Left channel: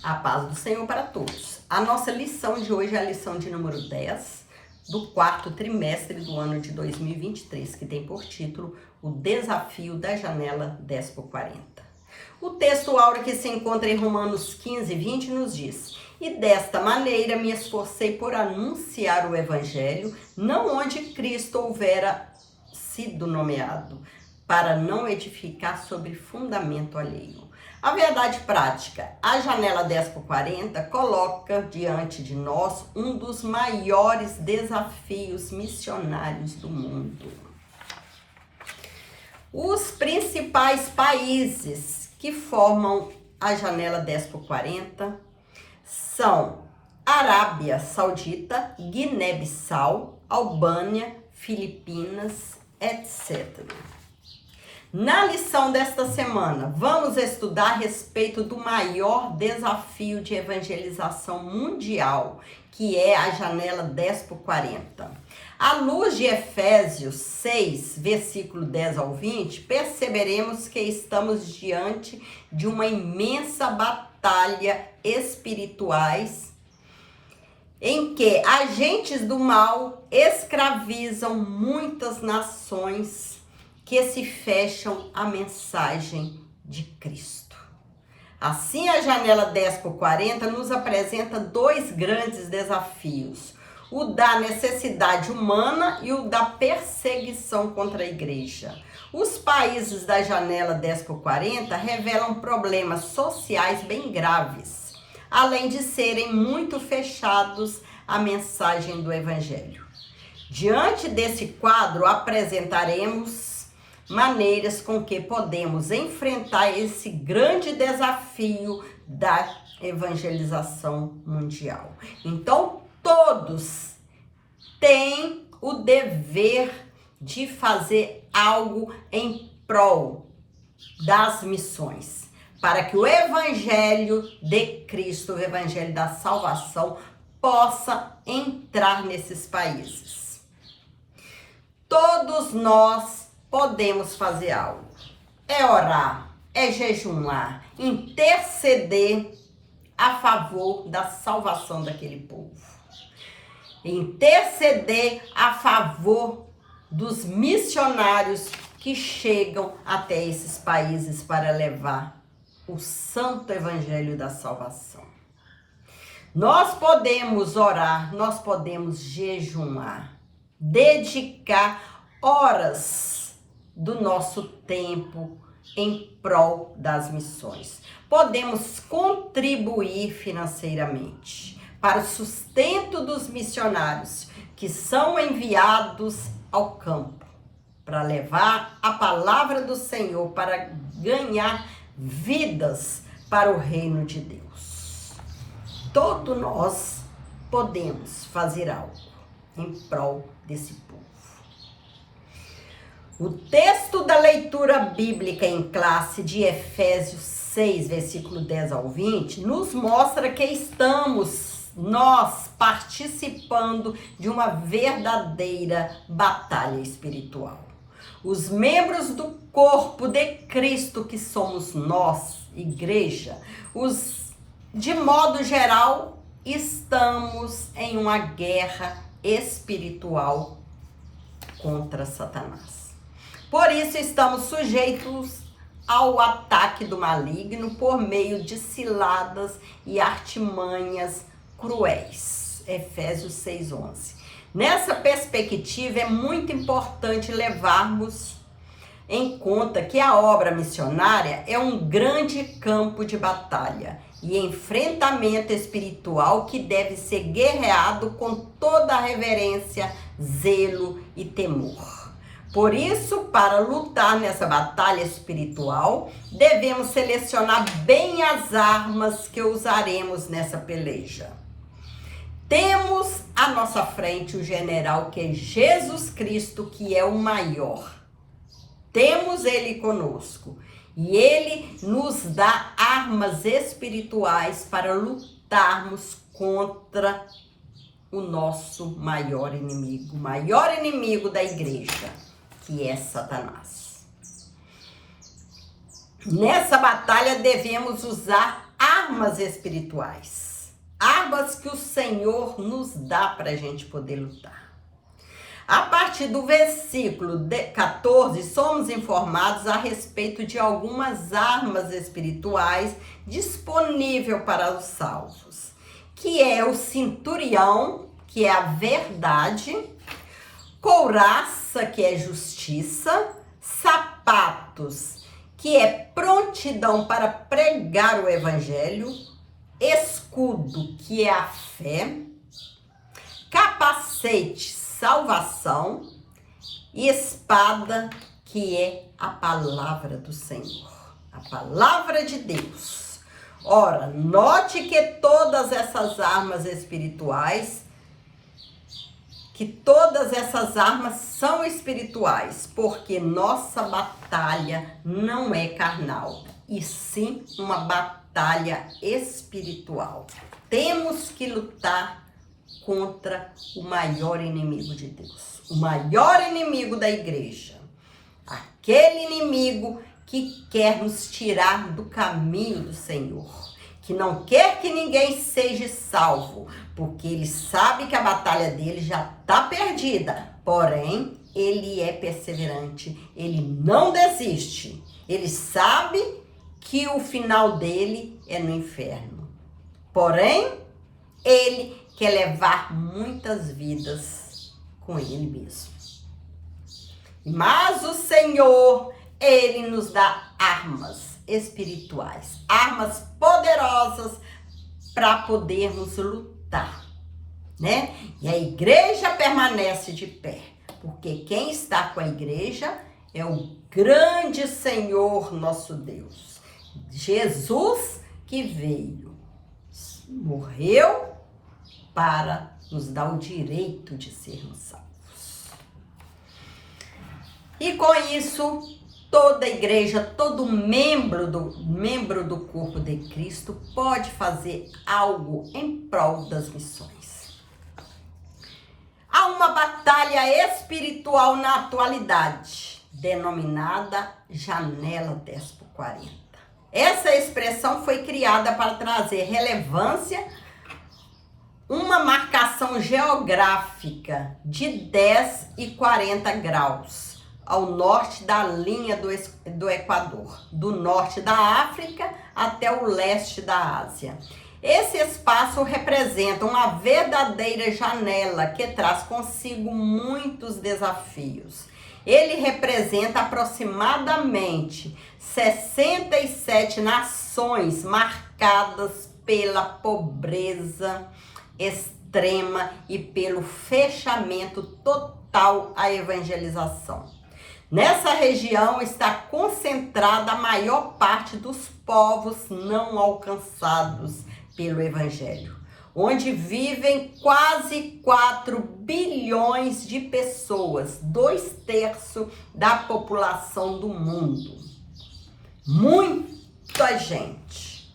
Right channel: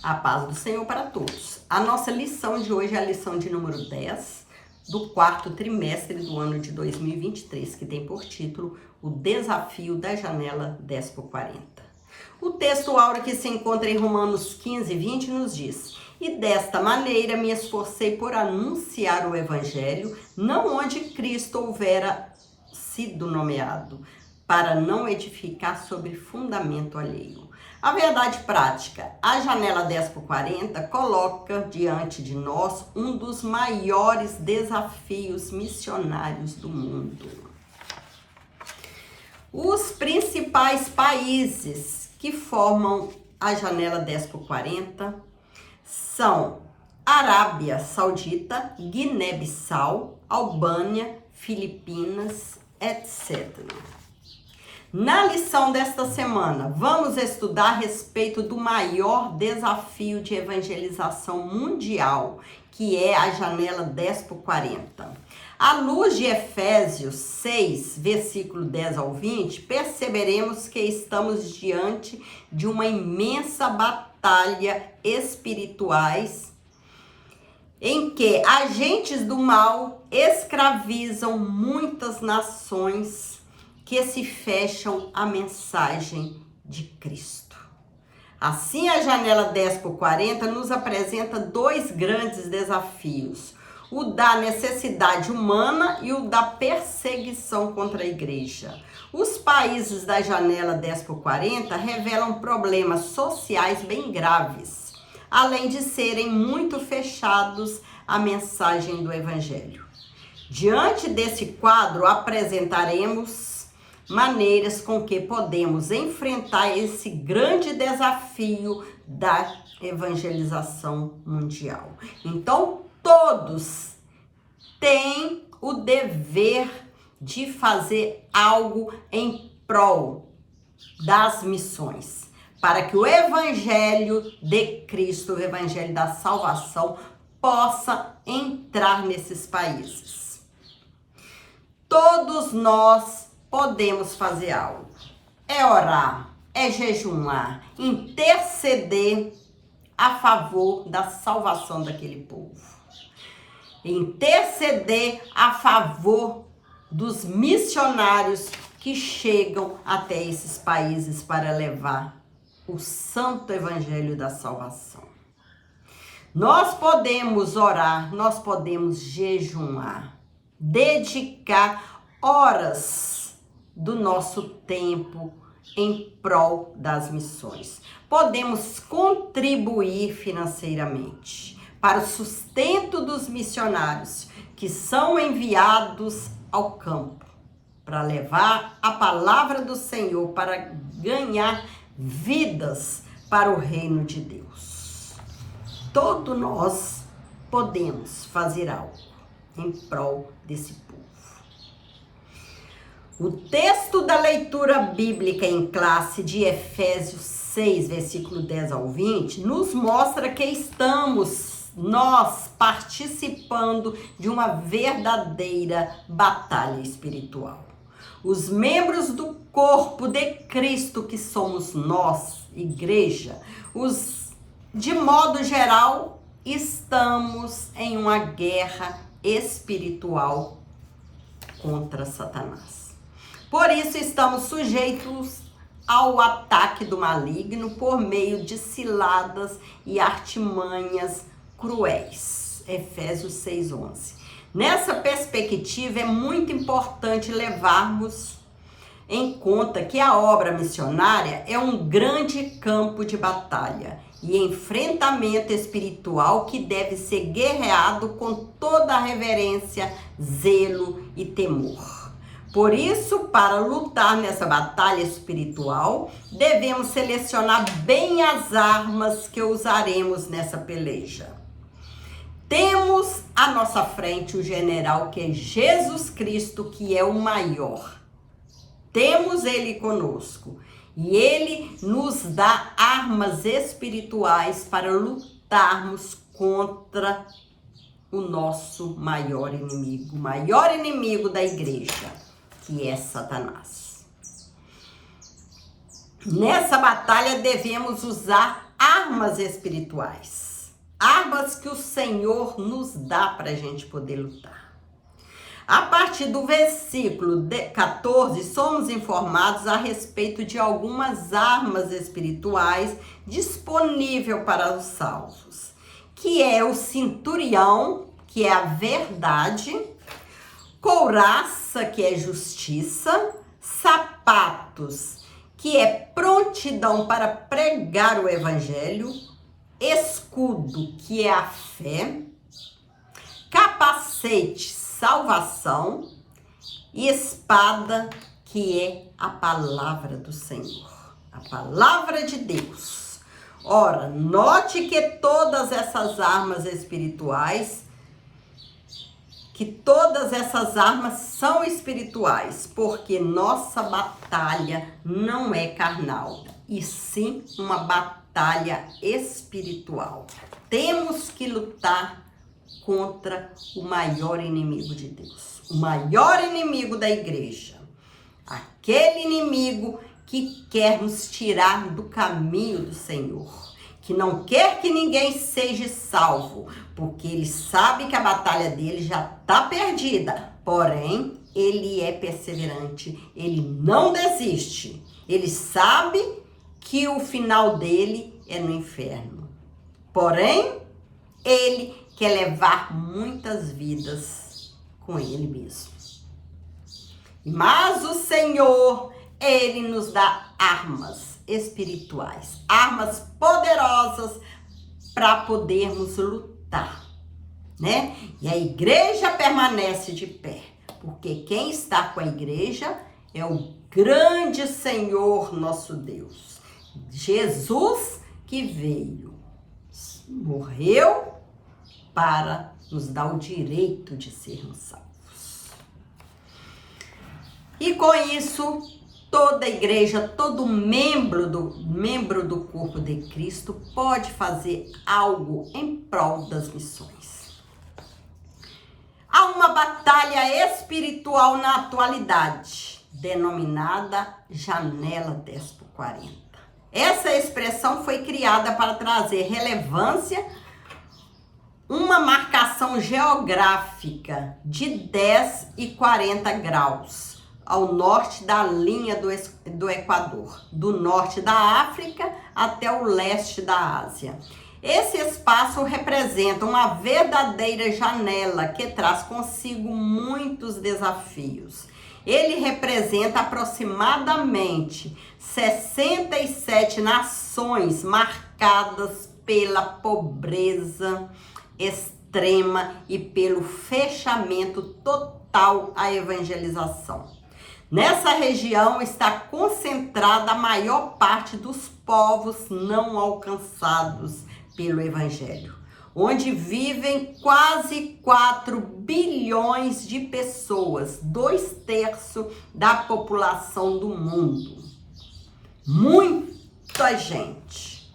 A paz do Senhor para todos. A nossa lição de hoje é a lição de número 10 do quarto trimestre do ano de 2023, que tem por título O Desafio da Janela 10x40. O texto áureo que se encontra em Romanos 15:20 nos diz: E desta maneira me esforcei por anunciar o Evangelho, não onde Cristo houvera sido nomeado, para não edificar sobre fundamento alheio. A verdade prática, a janela 10x40 coloca diante de nós um dos maiores desafios missionários do mundo. Os principais países que formam a janela 10x40 são Arábia Saudita, Guiné-Bissau, Albânia, Filipinas, etc. Na lição desta semana, vamos estudar a respeito do maior desafio de evangelização mundial, que é a janela 10x40. À luz de Efésios 6, versículo 10 ao 20, perceberemos que estamos diante de uma imensa batalha espirituais em que agentes do mal escravizam muitas nações que se fecham à mensagem de Cristo. Assim, a janela 10x40 nos apresenta dois grandes desafios: o da necessidade humana e o da perseguição contra a igreja. Os países da janela 10x40 revelam problemas sociais bem graves, além de serem muito fechados à mensagem do Evangelho. Diante desse quadro, apresentaremos maneiras com que podemos enfrentar esse grande desafio da evangelização mundial. Então, todos têm o dever de fazer algo em prol das missões, para que o evangelho de Cristo, o evangelho da salvação, possa entrar nesses países. Todos nós podemos fazer algo. É orar, é jejuar, interceder a favor da salvação daquele povo. Interceder a favor dos missionários que chegam até esses países para levar o santo evangelho da salvação. Nós podemos orar, nós podemos jejuar, dedicar horas do nosso tempo em prol das missões. Podemos contribuir financeiramente para o sustento dos missionários que são enviados ao campo para levar a palavra do Senhor, para ganhar vidas para o reino de Deus. Todos nós podemos fazer algo em prol desse povo. O texto da leitura bíblica em classe de Efésios 6, versículo 10 ao 20, nos mostra que estamos nós participando de uma verdadeira batalha espiritual. Os membros do corpo de Cristo, que somos nós, igreja, de modo geral, estamos em uma guerra espiritual contra Satanás. Por isso, estamos sujeitos ao ataque do maligno por meio de ciladas e artimanhas cruéis. Efésios 6:11. Nessa perspectiva, é muito importante levarmos em conta que a obra missionária é um grande campo de batalha e enfrentamento espiritual que deve ser guerreado com toda a reverência, zelo e temor. Por isso, para lutar nessa batalha espiritual, devemos selecionar bem as armas que usaremos nessa peleja. Temos à nossa frente o general que é Jesus Cristo, que é o maior. Temos ele conosco e ele nos dá armas espirituais para lutarmos contra o nosso maior inimigo da igreja, que é Satanás. Nessa batalha devemos usar armas espirituais. Armas que o Senhor nos dá para a gente poder lutar. A partir do versículo 14, somos informados a respeito de algumas armas espirituais disponíveis para os salvos, que é o cinturão, que é a verdade, couraça, que é justiça, sapatos, que é prontidão para pregar o evangelho, escudo, que é a fé, capacete, salvação, e espada, que é a palavra do Senhor, a palavra de Deus. Ora, note que todas essas armas espirituais, são espirituais, porque nossa batalha não é carnal, e sim uma batalha espiritual. Temos que lutar contra o maior inimigo de Deus, o maior inimigo da igreja, aquele inimigo que quer nos tirar do caminho do Senhor, que não quer que ninguém seja salvo, porque ele sabe que a batalha dele já está perdida, porém, ele é perseverante, ele não desiste, ele sabe que o final dele é no inferno, porém, ele quer levar muitas vidas com ele mesmo. Mas o Senhor, ele nos dá armas espirituais, armas poderosas para podermos lutar, né? E a igreja permanece de pé, porque quem está com a igreja é o grande Senhor nosso Deus. Jesus que veio, morreu para nos dar o direito de sermos salvos. E com isso, toda a igreja, todo membro do corpo de Cristo pode fazer algo em prol das missões. Há uma batalha espiritual na atualidade, denominada Janela 10x40. Essa expressão foi criada para trazer relevância, uma marcação geográfica de 10 e 40 graus ao norte da linha do Equador, do norte da África até o leste da Ásia. Esse espaço representa uma verdadeira janela que traz consigo muitos desafios. Ele representa aproximadamente 67 nações marcadas pela pobreza extrema e pelo fechamento total à evangelização. Nessa região está concentrada a maior parte dos povos não alcançados pelo evangelho, onde vivem quase 4 bilhões de pessoas, 2/3 da população do mundo. Muita gente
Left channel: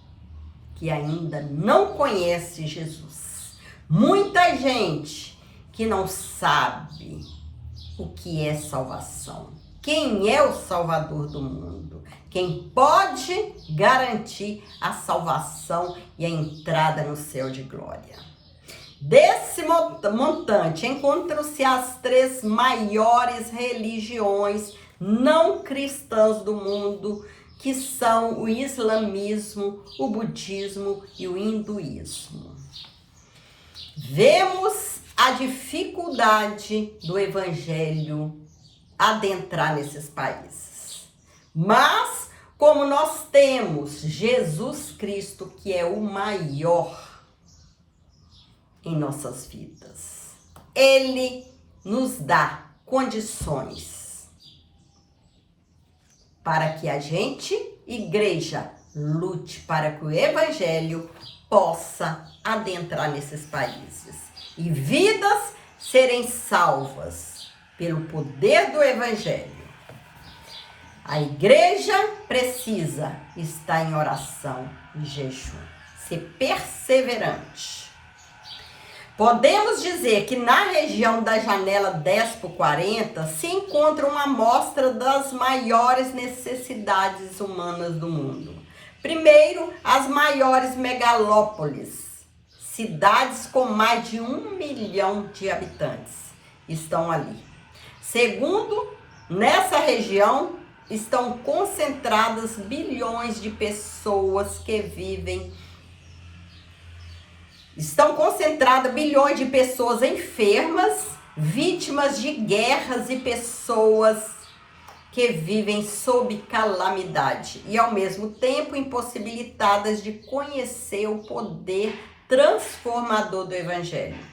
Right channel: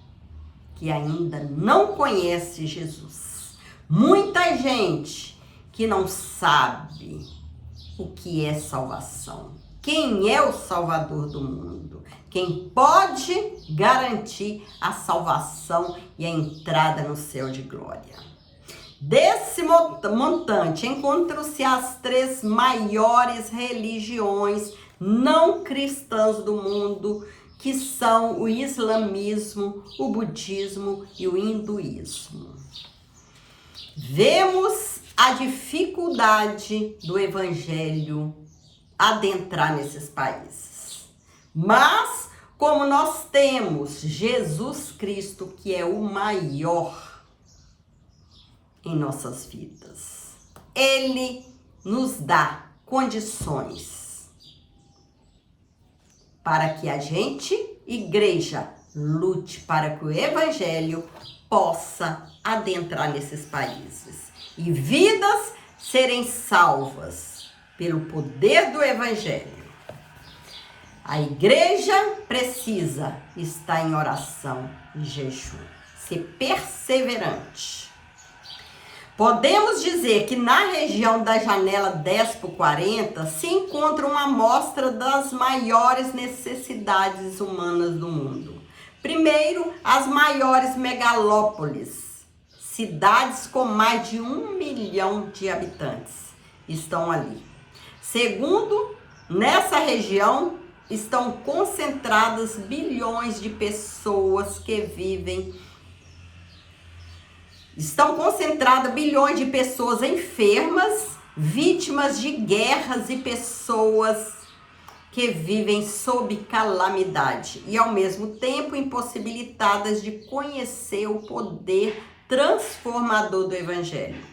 que ainda não conhece Jesus. Muita gente que não sabe o que é salvação. Quem é o Salvador do mundo? Quem pode garantir a salvação e a entrada no céu de glória. Desse montante encontram-se as 3 maiores religiões não cristãs do mundo, que são o islamismo, o budismo e o hinduísmo. Vemos a dificuldade do evangelho adentrar nesses países. Mas, como nós temos Jesus Cristo, que é o maior em nossas vidas, ele nos dá condições para que a gente, igreja, lute para que o evangelho possa adentrar nesses países e vidas serem salvas pelo poder do evangelho. A igreja precisa estar em oração e jejum, ser perseverante. Podemos dizer que na região da janela 10x40 se encontra uma amostra das maiores necessidades humanas do mundo. Primeiro, as maiores megalópolis, cidades com mais de 1 milhão de habitantes estão ali. Segundo, nessa região estão concentradas bilhões de pessoas que vivem. Estão concentradas bilhões de pessoas enfermas, vítimas de guerras e pessoas que vivem sob calamidade e, ao mesmo tempo, impossibilitadas de conhecer o poder transformador do Evangelho.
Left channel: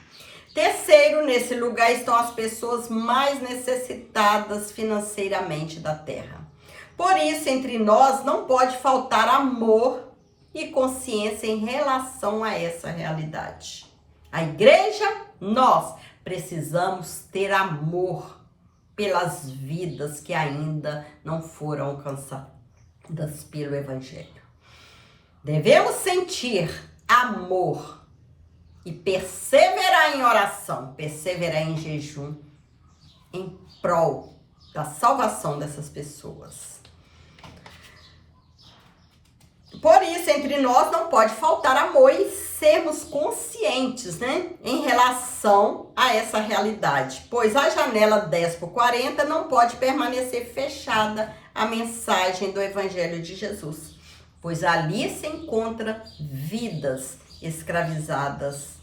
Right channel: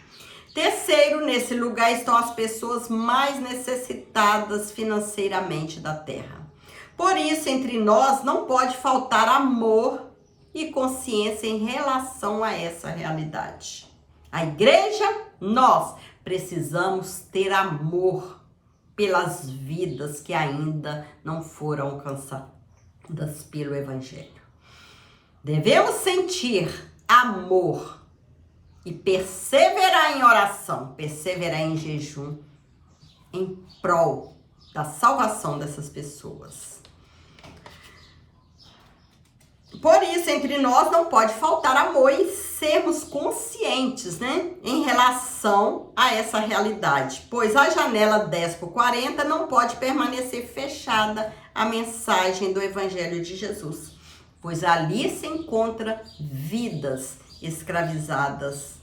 Terceiro, nesse lugar estão as pessoas mais necessitadas financeiramente da terra. Por isso, entre nós não pode faltar amor e consciência em relação a essa realidade. A igreja, nós precisamos ter amor pelas vidas que ainda não foram alcançadas pelo Evangelho. Devemos sentir amor e perseverar em oração, perseverar em jejum, em prol da salvação dessas pessoas. Por isso, entre nós não pode faltar amor e sermos conscientes, em relação a essa realidade. Pois a janela 10/40 não pode permanecer fechada à mensagem do Evangelho de Jesus. Pois ali se encontra vidas escravizadas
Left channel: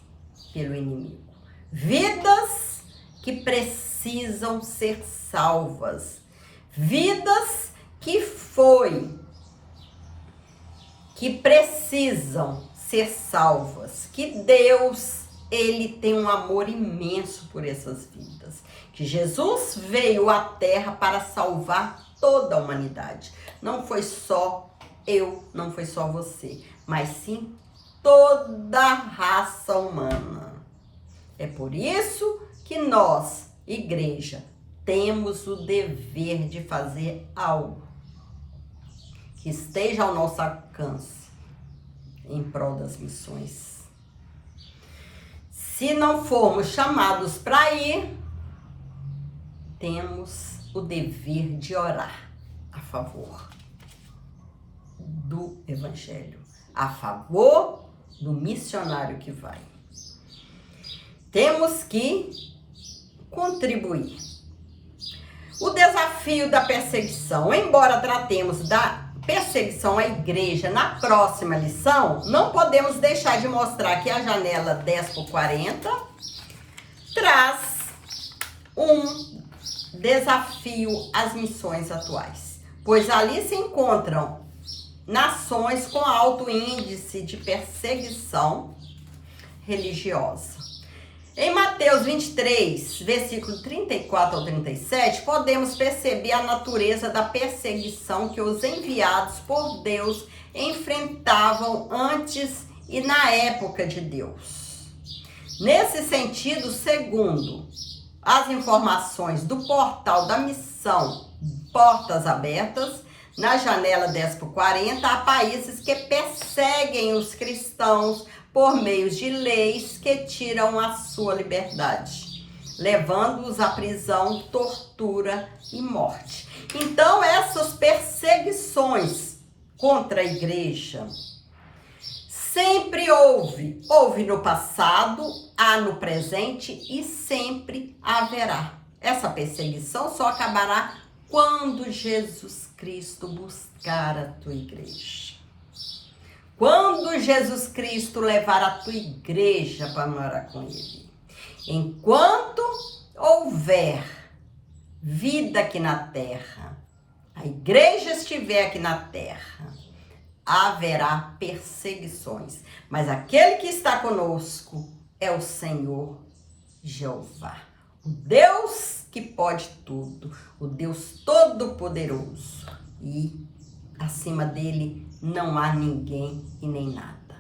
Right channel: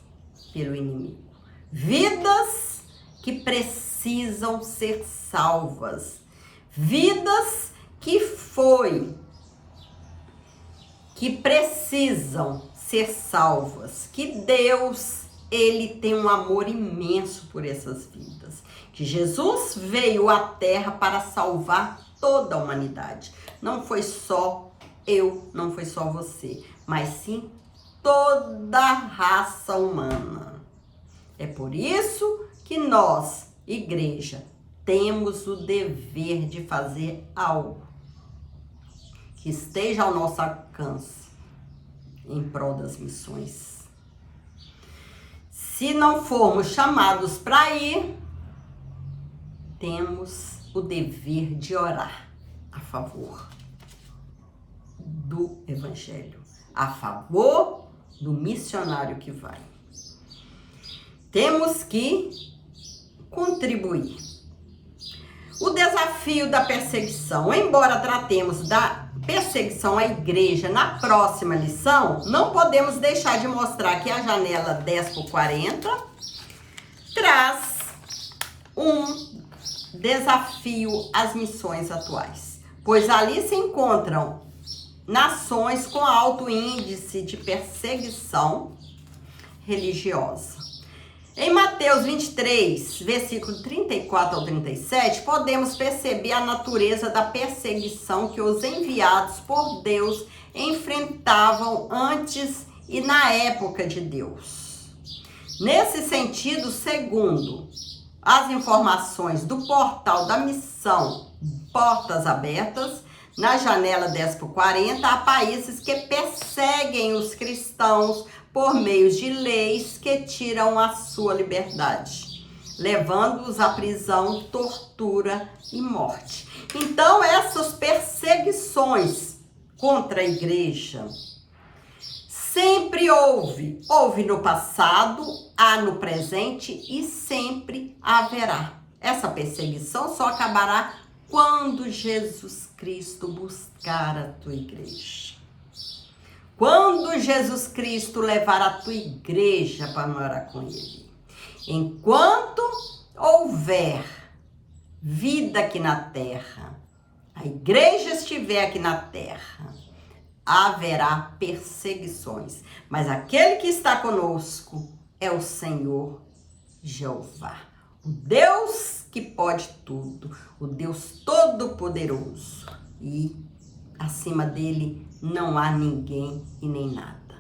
pelo inimigo. Vidas que precisam ser salvas. Vidas que precisam ser salvas, que Deus, ele tem um amor imenso por essas vidas, que Jesus veio à terra para salvar toda a humanidade. Não foi só eu, não foi só você, mas sim toda a raça humana. É por isso que nós, igreja, temos o dever de fazer algo que esteja ao nosso alcance em prol das missões. Se não formos chamados para ir, temos o dever de orar a favor do Evangelho, a favor do missionário que vai. Temos que contribuir. O desafio da perseguição. Embora tratemos da perseguição à igreja na próxima lição, não podemos deixar de mostrar que a janela 10/40 traz um desafio às missões atuais, pois ali se encontram nações com alto índice de perseguição religiosa. Em Mateus 23, versículo 34 ao 37, podemos perceber a natureza da perseguição que os enviados por Deus enfrentavam antes e na época de Deus. Nesse sentido, segundo as informações do portal da missão Portas Abertas, na janela 10/40, há países que perseguem os cristãos por meio de leis que tiram a sua liberdade, levando-os à prisão, tortura e morte. Então, essas perseguições contra a igreja sempre houve no passado, há no presente e sempre haverá. Essa perseguição só acabará quando Jesus Cristo buscar a tua igreja. Quando Jesus Cristo levar a tua igreja para morar com ele. Enquanto houver vida aqui na terra, a igreja estiver aqui na terra, haverá perseguições. Mas aquele que está conosco é o Senhor Jeová. O Deus que pode tudo, o Deus todo-poderoso. E acima dele não há ninguém e nem nada.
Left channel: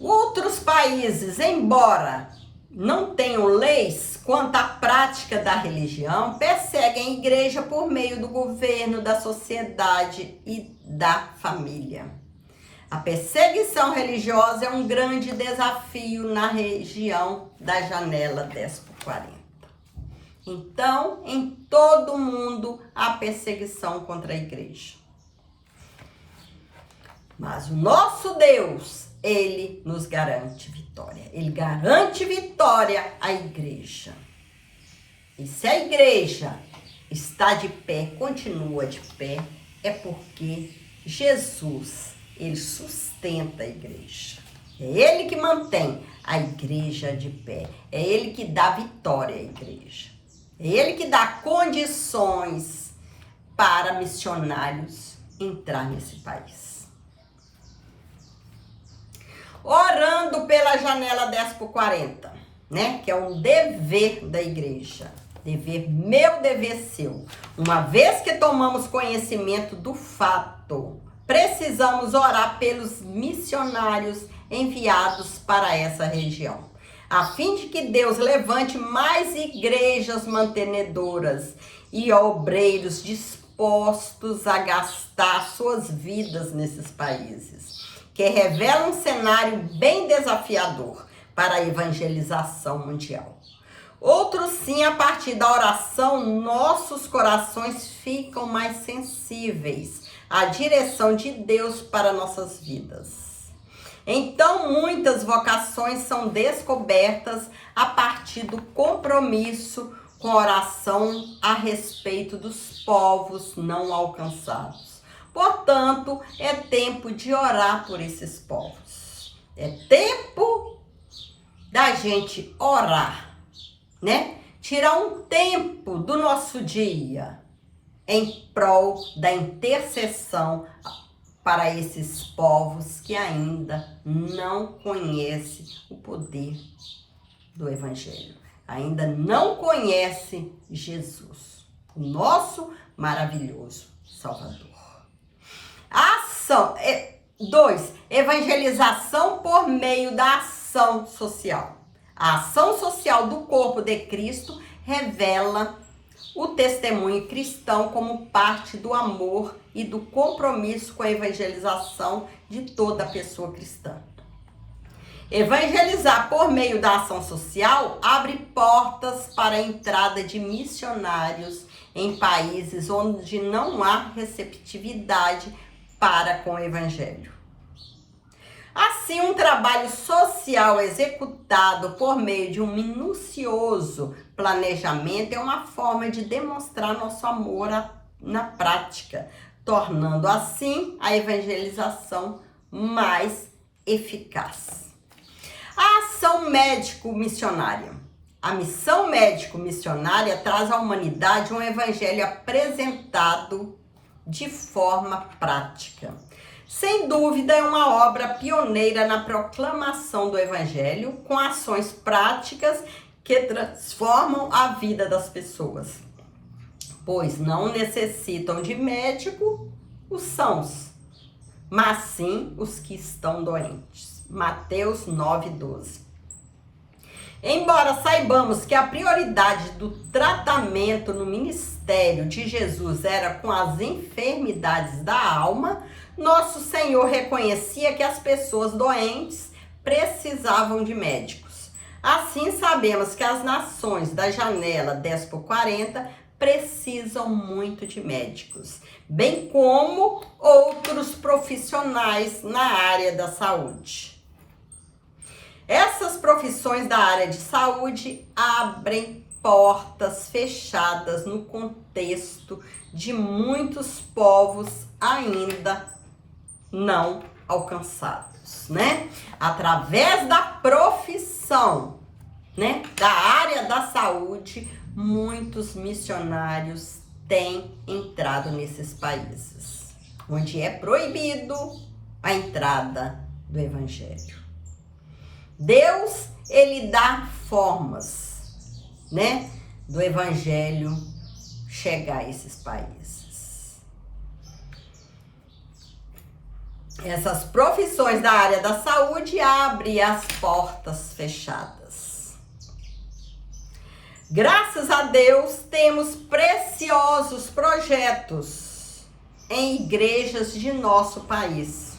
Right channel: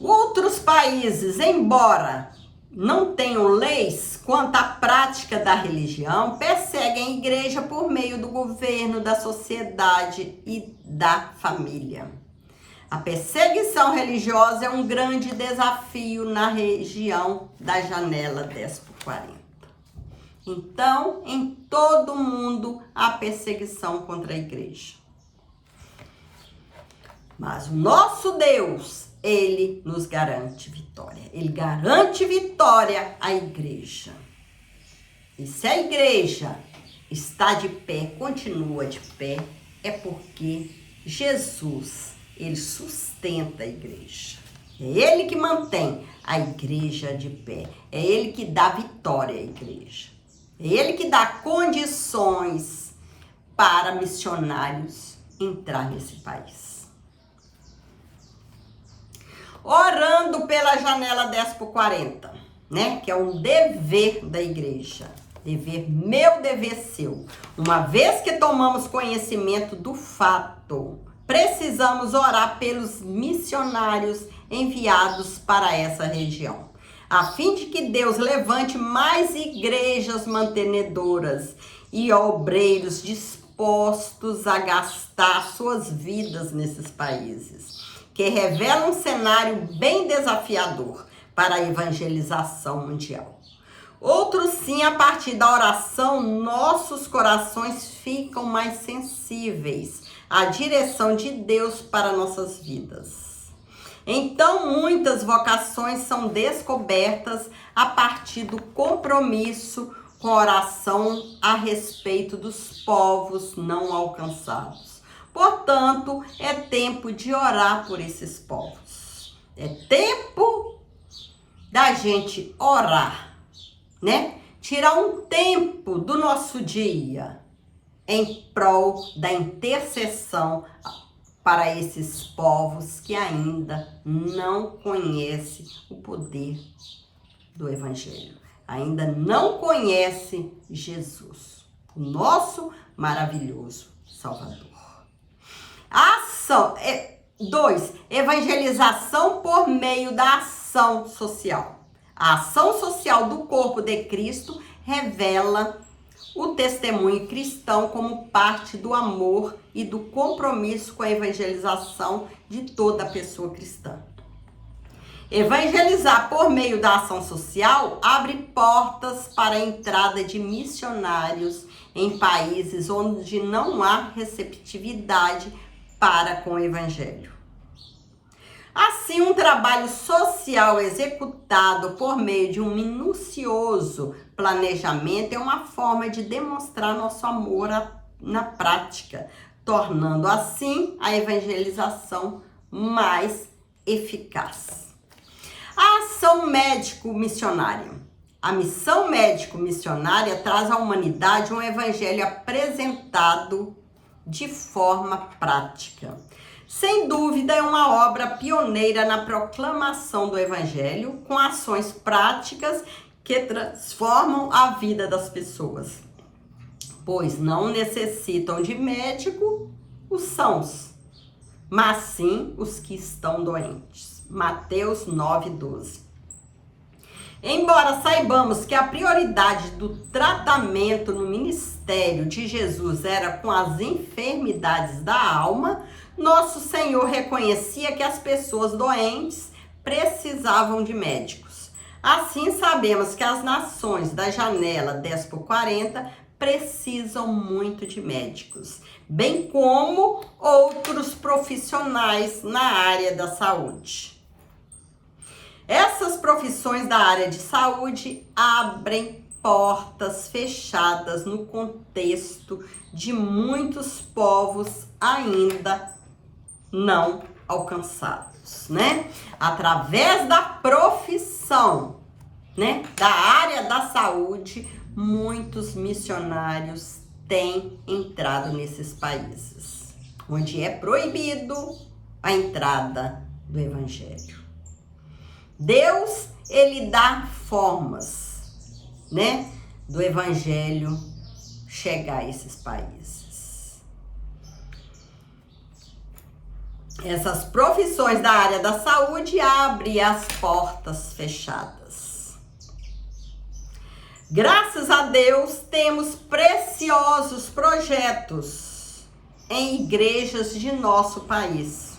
Outros países, embora não tenham leis quanto à prática da religião, perseguem a igreja por meio do governo, da sociedade e da família. A perseguição religiosa é um grande desafio na região da janela 10/40. Então, em todo o mundo, há perseguição contra a igreja. Mas o nosso Deus, ele nos garante vitória. Ele garante vitória à igreja. E se a igreja está de pé, continua de pé, é porque Jesus, ele sustenta a igreja. É ele que mantém a igreja de pé. É ele que dá vitória à igreja. É ele que dá condições para missionários entrar nesse país. Orando pela janela 10/40, né? Que é um dever da igreja. Dever meu, dever seu. Uma vez que tomamos conhecimento do fato, precisamos orar pelos missionários enviados para essa região, a fim de que Deus levante mais igrejas mantenedoras e obreiros dispostos a gastar suas vidas nesses países, que revelam um cenário bem desafiador para a evangelização mundial. Outros sim, a partir da oração, nossos corações ficam mais sensíveis à direção de Deus para nossas vidas. Então, muitas vocações são descobertas a partir do compromisso com a oração a respeito dos povos não alcançados. Portanto, é tempo de orar por esses povos. É tempo da gente orar, né? Tirar um tempo do nosso dia em prol da intercessão para esses povos que ainda não conhecem o poder do Evangelho, ainda não conhecem Jesus, o nosso maravilhoso Salvador. Ação 2. Evangelização por meio da ação social. A ação social do corpo de Cristo revela o testemunho cristão como parte do amor e do compromisso com a evangelização de toda pessoa cristã. Evangelizar por meio da ação social abre portas para a entrada de missionários em países onde não há receptividade para com o evangelho. Assim, um trabalho social executado por meio de um minucioso planejamento é uma forma de demonstrar nosso amor na prática, tornando assim a evangelização mais eficaz. A ação médico-missionária. A missão médico-missionária traz à humanidade um evangelho apresentado de forma prática. Sem dúvida, é uma obra pioneira na proclamação do Evangelho, com ações práticas que transformam a vida das pessoas, pois não necessitam de médico os sãos, mas sim os que estão doentes. Mateus 9:12. Embora saibamos que a prioridade do tratamento no ministério de Jesus era com as enfermidades da alma, nosso Senhor reconhecia que as pessoas doentes precisavam de médicos. Assim, sabemos que as nações da janela 10/40 precisam muito de médicos, bem como outros profissionais na área da saúde. Essas profissões da área de saúde abrem portas fechadas no contexto de muitos povos ainda não alcançados, né? Através da profissão, né, da área da saúde, muitos missionários têm entrado nesses países, onde é proibido a entrada do evangelho. Deus, ele dá formas, né, do evangelho chegar a esses países. Essas profissões da área da saúde abrem as portas fechadas. Graças a Deus, temos preciosos projetos em igrejas de nosso país,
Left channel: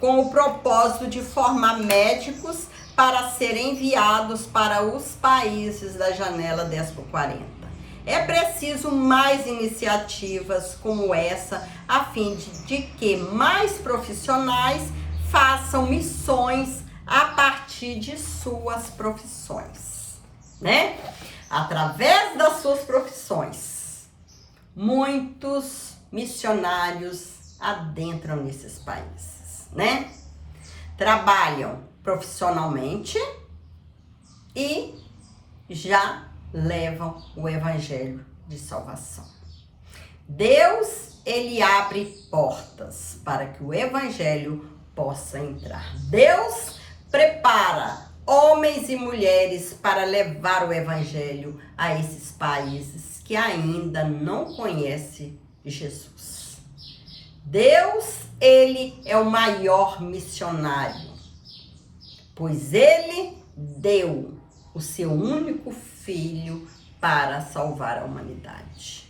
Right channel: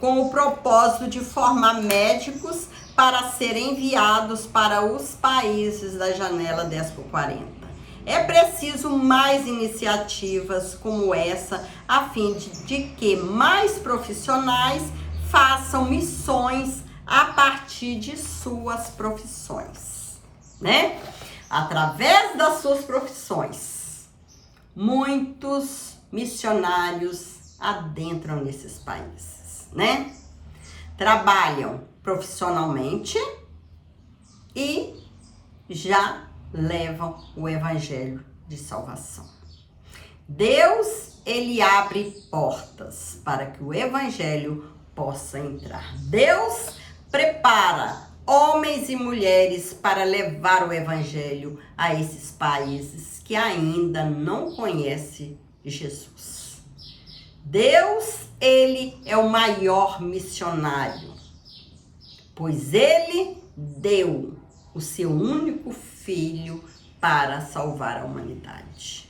com o propósito de formar médicos para serem enviados para os países da janela 10/40. É preciso mais iniciativas como essa, a fim de que mais profissionais façam missões a partir de suas profissões, né? Através das suas profissões, muitos missionários adentram nesses países, né? Trabalham profissionalmente e já levam o evangelho de salvação. Deus, ele abre portas para que o evangelho possa entrar. Deus prepara homens e mulheres para levar o evangelho a esses países que ainda não conhecem Jesus. Deus, ele é o maior missionário, pois ele deu o seu único filho para salvar a humanidade.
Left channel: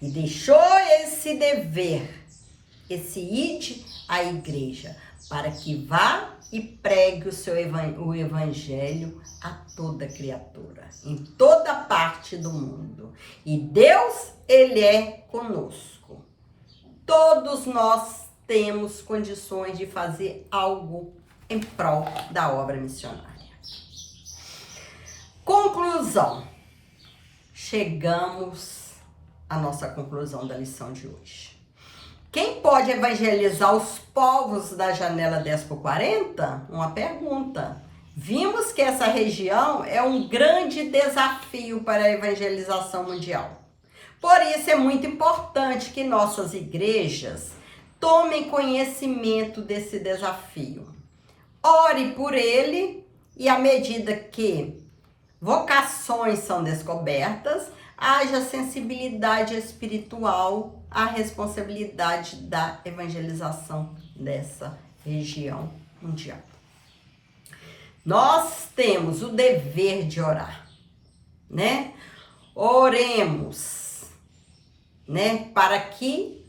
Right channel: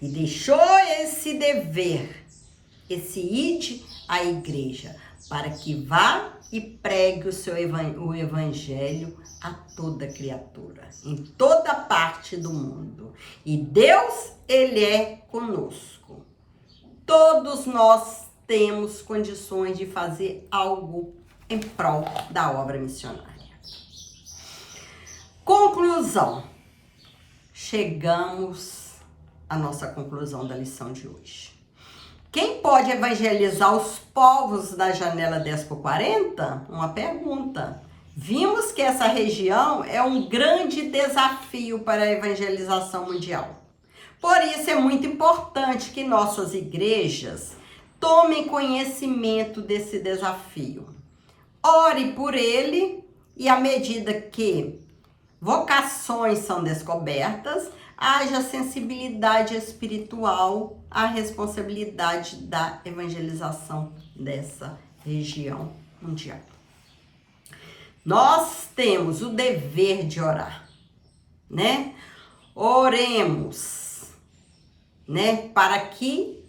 E deixou esse dever, esse ide à igreja, para que vá e pregue o evangelho a toda criatura, em toda parte do mundo. E Deus, ele é conosco. Todos nós temos condições de fazer algo em prol da obra missionária. Conclusão. Chegamos à nossa conclusão da lição de hoje. Quem pode evangelizar os povos da janela 10x40? Uma pergunta. Vimos que essa região é um grande desafio para a evangelização mundial. Por isso é muito importante que nossas igrejas tomem conhecimento desse desafio. Ore por ele e à medida que vocações são descobertas, haja sensibilidade espiritual à responsabilidade da evangelização dessa região mundial. Nós temos o dever de orar, né? Oremos, né? Para que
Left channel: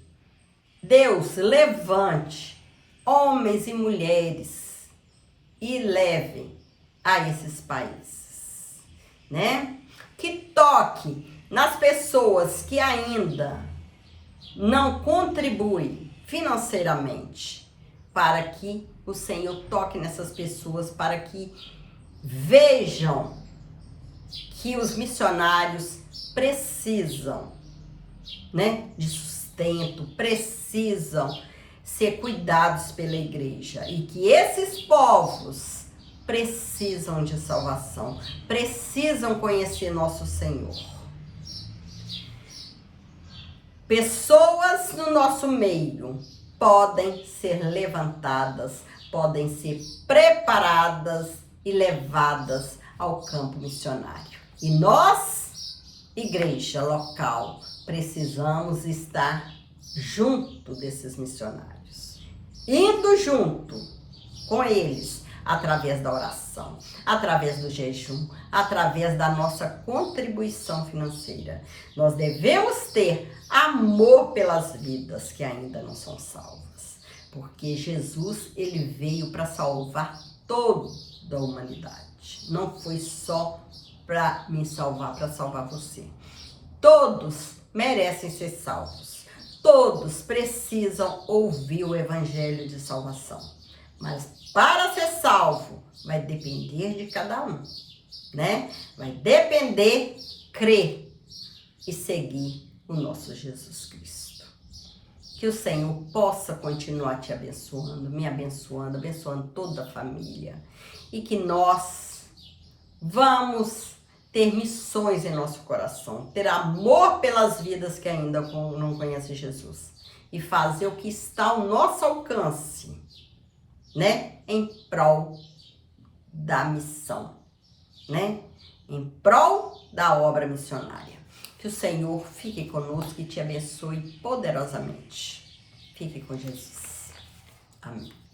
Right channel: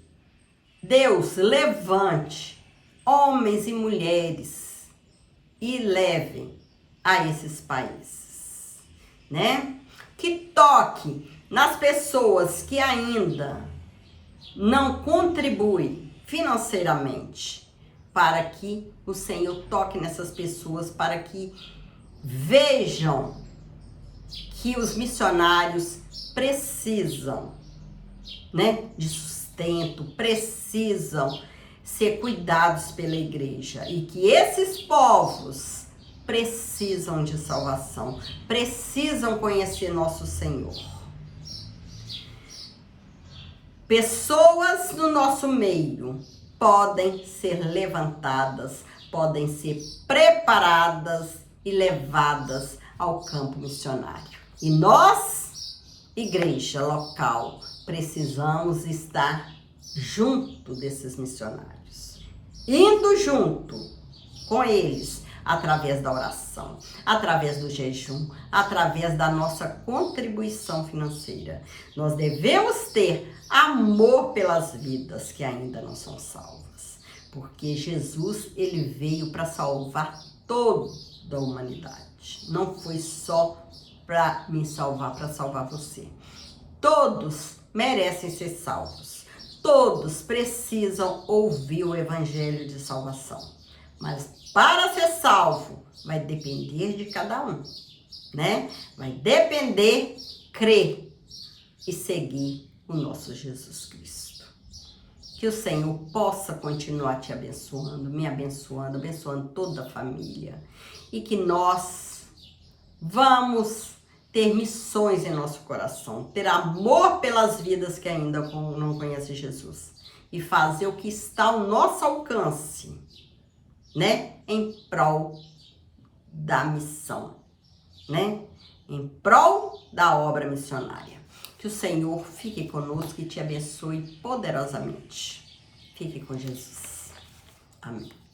Deus levante homens e mulheres e leve a esses países, né? Que toque nas pessoas que ainda não contribuem financeiramente, para que o Senhor toque nessas pessoas, para que vejam que os missionários precisam, né, de sustento, precisam ser cuidados pela igreja e que esses povos precisam de salvação, precisam conhecer nosso Senhor. Pessoas no nosso meio podem ser levantadas, podem ser preparadas e levadas ao campo missionário. E nós, igreja local, precisamos estar junto desses missionários, indo junto com eles, através da oração, através do jejum, através da nossa contribuição financeira. Nós devemos ter amor pelas vidas que ainda não são salvas, porque Jesus, ele veio para salvar toda a humanidade. Não foi só para me salvar, para salvar você. Todos merecem ser salvos. Todos precisam ouvir o evangelho de salvação. Mas para ser salvo, vai depender de cada um, né? Vai depender crer e seguir o nosso Jesus Cristo. Que o Senhor possa continuar te abençoando, me abençoando, abençoando toda a família. E que nós vamos ter missões em nosso coração, ter amor pelas vidas que ainda não conhecem Jesus. E fazer o que está ao nosso alcance, né? Em prol da missão, né? Em prol da obra missionária. Que o Senhor fique conosco e te abençoe poderosamente. Fique com Jesus. Amém.